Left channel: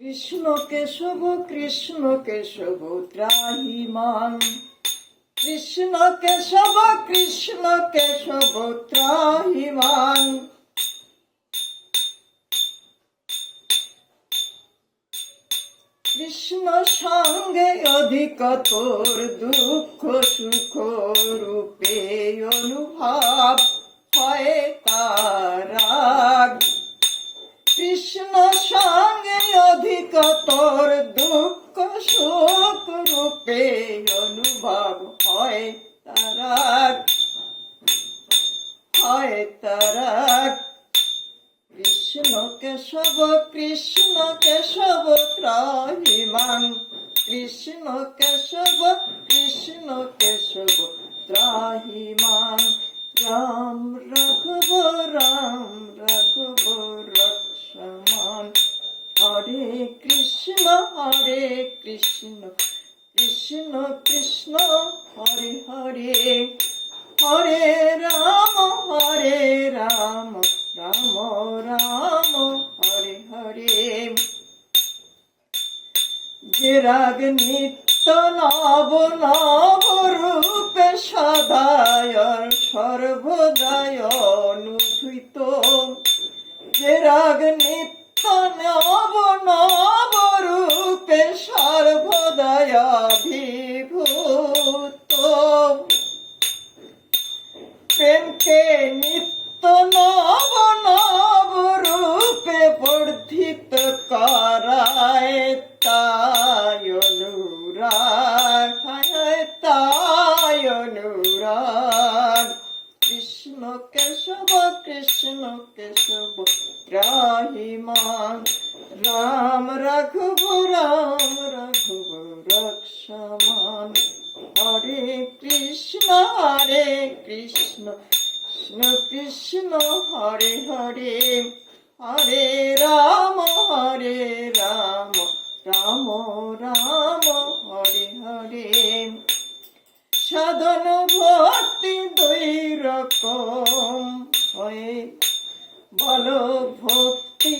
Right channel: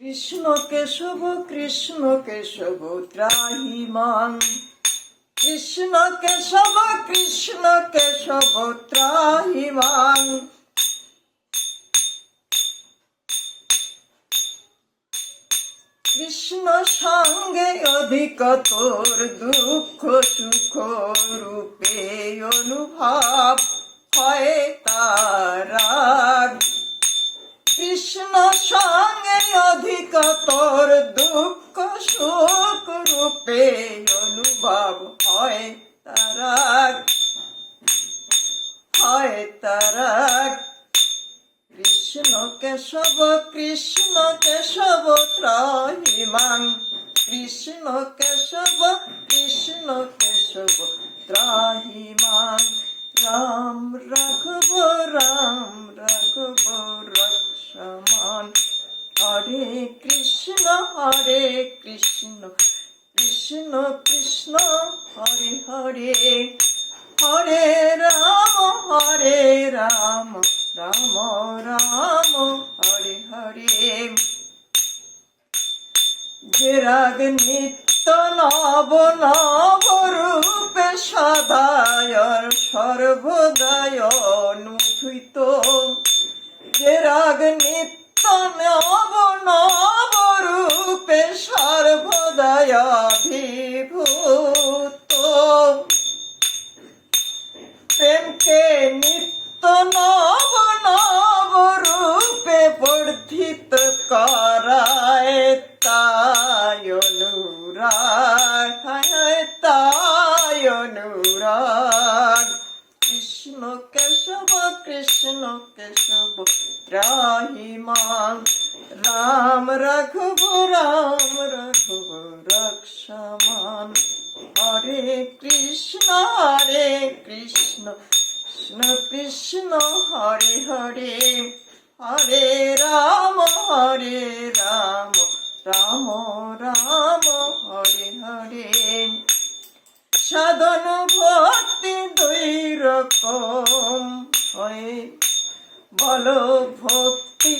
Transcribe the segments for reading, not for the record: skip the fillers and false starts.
কৃষ্ণ কেশব কৃষ্ণ কেশব ত্রাহিমাং, কৃষ্ণ কেশব কৃষ্ণ কেশব ত্রাহিমাং। কৃষ্ণ সঙ্গে অধিকতর দুঃখ সুখ রূপে অনুভব হয় তার। কৃষ্ণ সঙ্গে অধিকতর দুঃখ সুখ রূপে অনুভব হয় তার, হয় তার। কৃষ্ণ কেশব কৃষ্ণ কেশব ত্রাহিমাং, কৃষ্ণ কেশব কৃষ্ণ কেশব ত্রাহিমাং। রাম রাঘব রাম রাঘব রক্ষমান, হরে কৃষ্ণ কৃষ্ণ কৃষ্ণ হরে হরে, হরে রাম রাম রাম হরে হরে। যে রাগ নিত্য নব নব রূপে সদায় সর্বদায় অনুভূত, যে রাগ নিত্য নব নব রূপে সর্বদায় অভিভূত। প্রেমকে নিত্য নব নব রূপে বর্ধিত করায় তাই অনুরাগ, তাই অনুরাগ। কৃষ্ণ কেশব কৃষ্ণ কেশব ত্রাহিমাং, রাম রাঘব রাম রাঘব রক্ষমান। হরে কৃষ্ণ কৃষ্ণ কৃষ্ণ হরে হরে, হরে রাম রাম রাম হরে হরে। সাধন ভক্তি দুই রকম হয়, বলো ভক্তি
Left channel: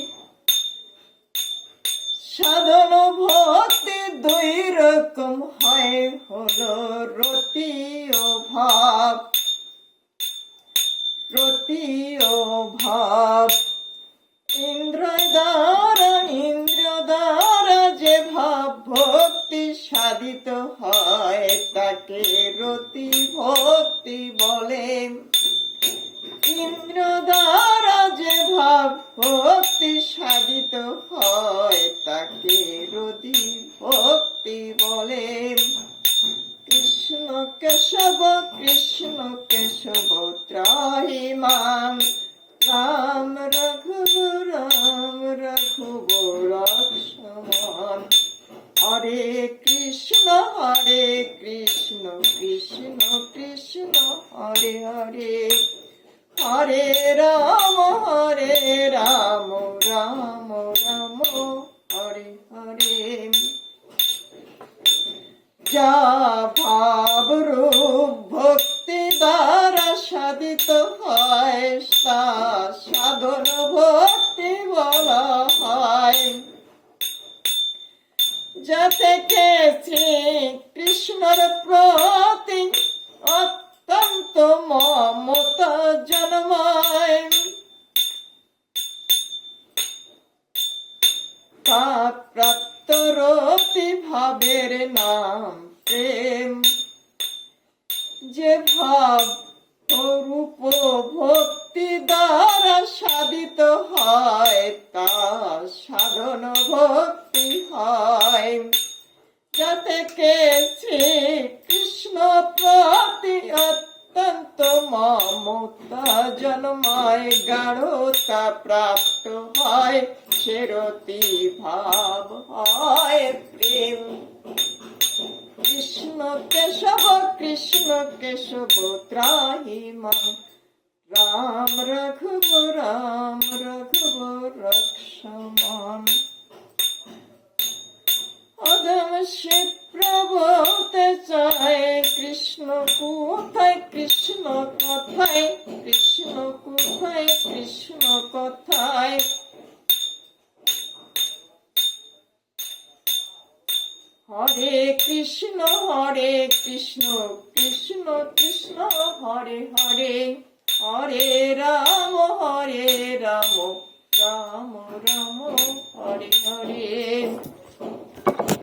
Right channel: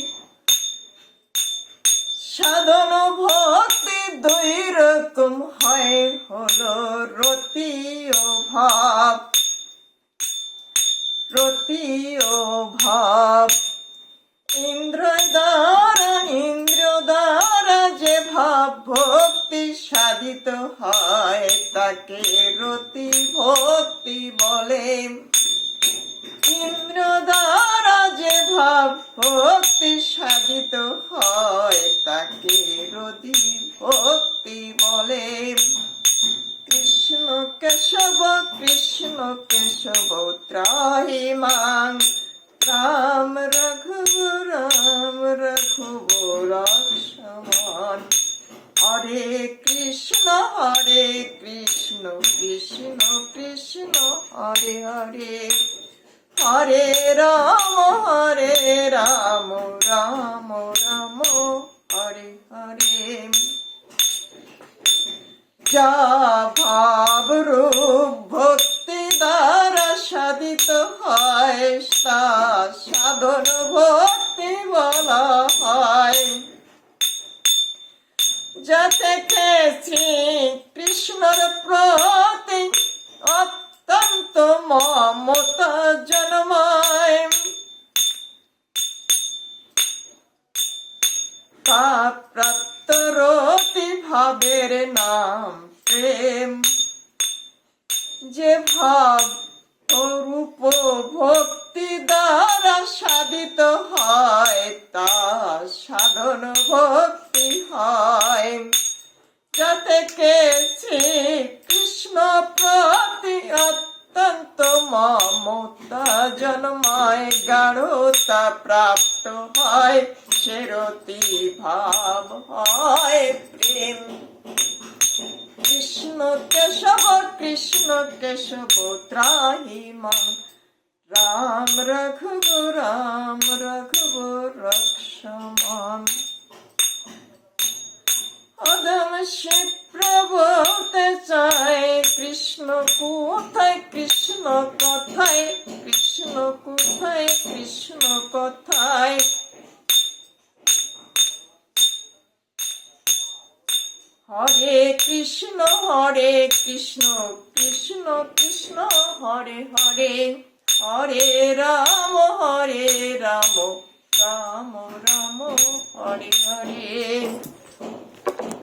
সাধন ভক্তি দুই রকম হয়, হলো রতি ও ভাব, রতি ও ভাব। ইন্দ্র দ্বারা যে ভাব ভক্তি সাধিত হয় তাকে রতি ভক্তি বলে। ইন্দ্র দ্বারা যে ভাব ভক্তি সাধিত হয় তাকে রতি ভক্তি বলে। কৃষ্ণ কেশব কৃষ্ণ কেশব ত্রাহিমাং, রাম রাঘব রাম রাঘব রক্ষমান। হরে কৃষ্ণ কৃষ্ণ কৃষ্ণ হরে হরে, হরে রাম রাম রাম হরে হরে। যা ভাব রূপ ভক্তি দ্বারা সাধিত হয় তা সাধন ভক্তি বলা হয়। যা থেকে শ্রী কৃষ্ণর প্রতি অত্যন্ত মমতা জন্মায়, তা প্রাপ্ত রতি ভাবের নাম প্রেম। যে ভাব রূপ ভক্তি দ্বারা সাধিত হয় তা সাধন ভক্তি হয়। যা থেকে শ্রী কৃষ্ণ প্রতি অত্যন্ত মমতা জন্মায়, গাঢ়তা প্রাপ্ত হয়, সেরতি ভাব হয় প্রেম। কৃষ্ণ কেশব কৃষ্ণ কেশব ত্রাহিমাং, রাম রাঘব রাম রাঘব রক্ষমান। অদম সে প্রবলতে চায় কৃষ্ণ কোথায়, কৃষ্ণ কথায়, কৃষ্ণ কোথায়, কৃষ্ণ কথায়। হরে কৃষ্ণ কৃষ্ণ কৃষ্ণ হরে হরে হরে রাম রাম রাম হরে হরে